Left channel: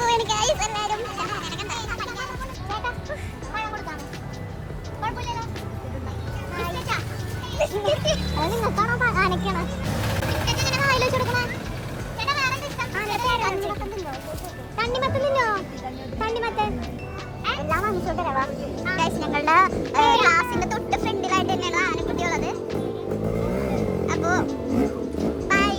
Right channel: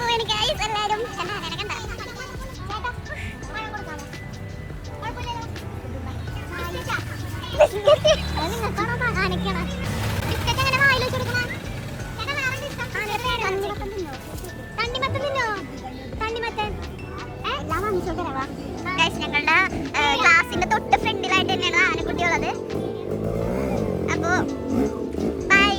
പോവാണ് ഗൈസ് എല്ലാരും. ഞങ്ങളുടെ ക്ലാസ്സിന്റെ തൊട്ട് ഫ്രണ്ടിലായിട്ട് തന്നെയാണ് ആനക്കുട്ടി ഉള്ളത്. അപ്പോ ബൈ.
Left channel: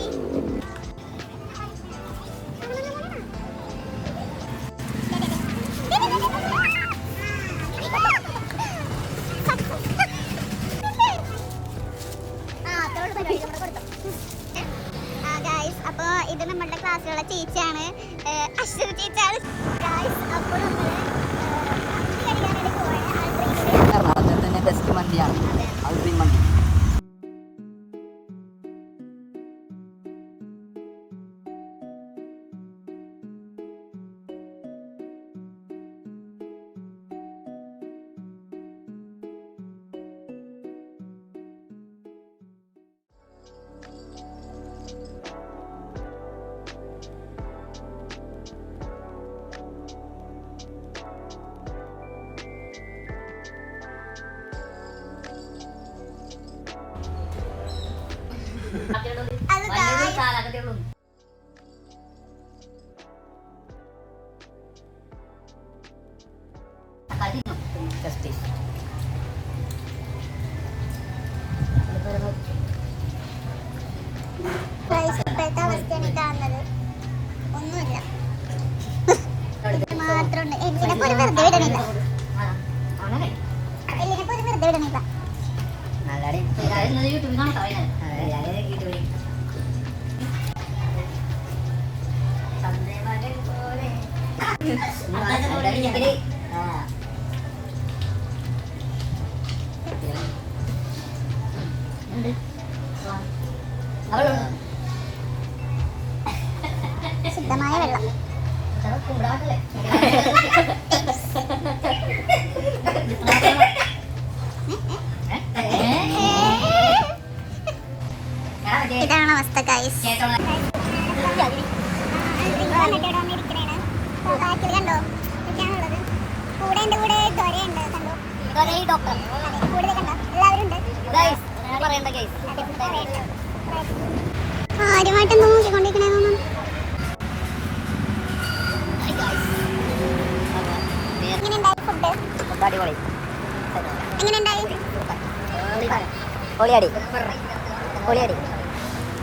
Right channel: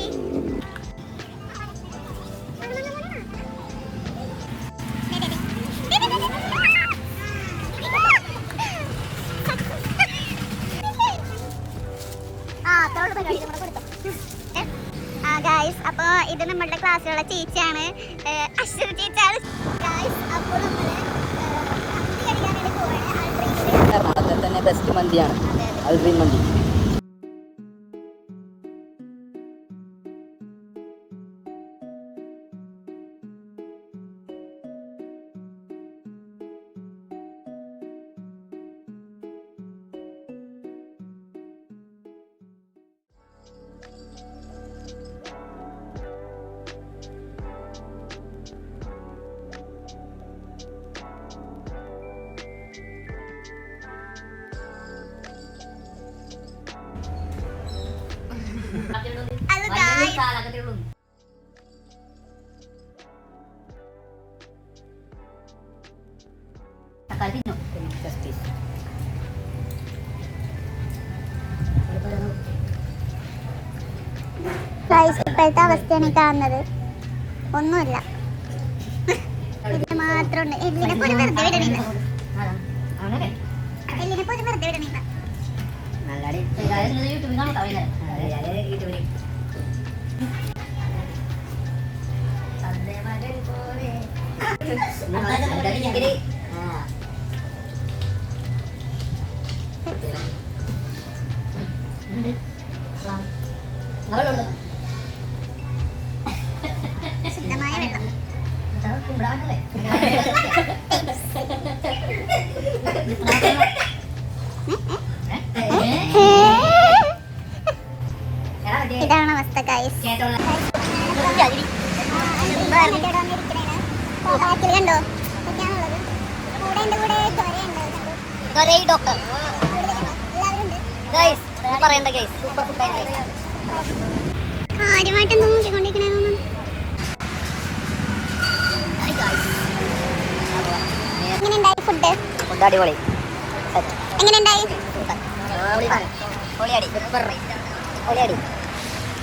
ഗായ്സ്, അപ്പൊ ഇത് നമ്മളുടെ ക്ലാസ്സിലുള്ള ചേച്ചിയാണ്, അശ്വതി ചേച്ചിയാണ്. എറണാകുളത്തിൽ തന്നെ ബെസ്റ്റ് മന്തിയാണ് അൽ ഡ്രീം മന്തി. ഇപ്പോഴത്തെ അവസ്ഥയാണ് കാണുന്നത്. ഒന്നുമില്ല, ഇത് മാത്രമുണ്ട്. എല്ലിനെ പോലും വെറുതെ വിടണില്ല. എല്ലിനെ പോലും വെറുതെ വിടണില്ല. ശുദ്ധമായ വെള്ളം. ഇതാണ് അവസ്ഥ ഗൈസ്. കണ്ടോ ഇതൊക്കെയാണുള്ളത്. കൂടെ എന്റെ കൂടെ ത്വരയുണ്ട്. കണ്ടോ കൂടുതൽ കണ്ടോ എല്ലാവരും ഉണ്ട്. കാര്യമായിട്ട് നോക്കിക്കൊണ്ടിരിക്കണേന്ന്. എങ്ങനെയുണ്ടായി ഫുഡ്? അടിപൊളി. എങ്ങനെയുണ്ടായി?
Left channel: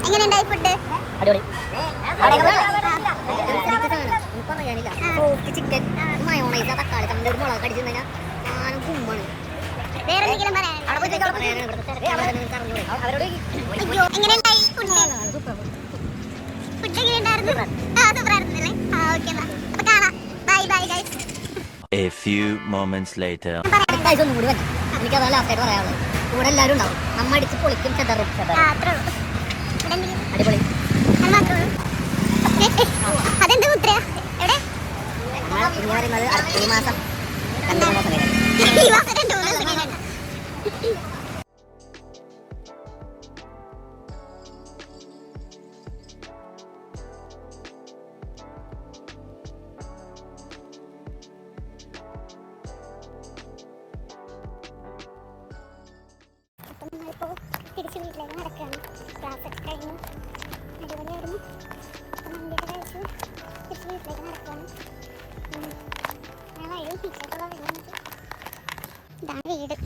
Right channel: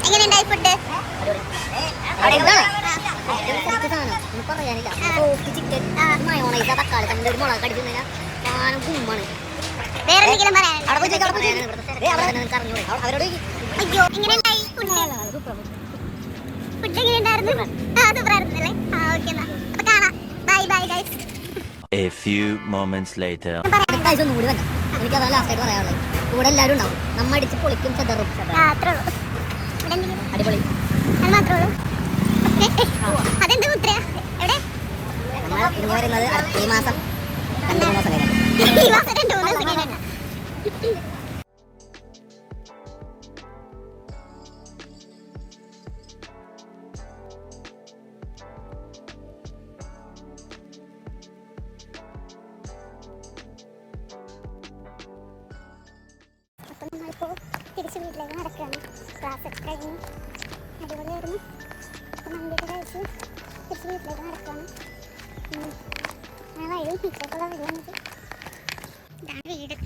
എങ്ങനെയുണ്ടായി ഫുഡ്? വേറെന്തെങ്കിലും അയ്യോ, എങ്ങനെയുണ്ടായി ഫുഡ്? ഫുഡ് എങ്ങനെയുണ്ടായിരുന്നു? സൂപ്പറായിരുന്നല്ലേ? ഓക്കെ, എന്നാ അപ്പൊ കാണാം. Bye bye guys. A few moments later. എനിക്ക് അതല്ല ലാസ്റ്റ് ആയിട്ട് പറയാനുള്ളത്. കൂടെ എല്ലാവരും ഉണ്ടാവും. നമ്മ അടിച്ച് പൊളിക്കും, ചെതറും. അടിപൊളി. അത് മാത്രമേ ഉള്ളൂ. അതെന്താ മുദ്ര? എവിടെ? നമ്മൾ ഇനി പറയുന്നത് ഈ മാസം 2-3 മാസം കഴിഞ്ഞു. ഈ മാസം 2-3 ദിവസം കഴിഞ്ഞിട്ട്. അപ്പം നമ്മളിപ്പോൾ തിരിച്ച് വീട്ടിലേക്ക് നടക്കുകയാണ്. ക്ലാസ് ഒക്കെ കഴിഞ്ഞു, അടിപൊളിയായിരുന്നു. അപ്പം മന്തിയൊക്കെ കഴിച്ച് തിരിച്ച് വീട്ടിലേക്ക് നടക്കുകയാണ്. ഞാൻ വരും. ഇഷ്ടമുള്ള വീട് വന്നിട്ട് ഇതാണ് വീട്.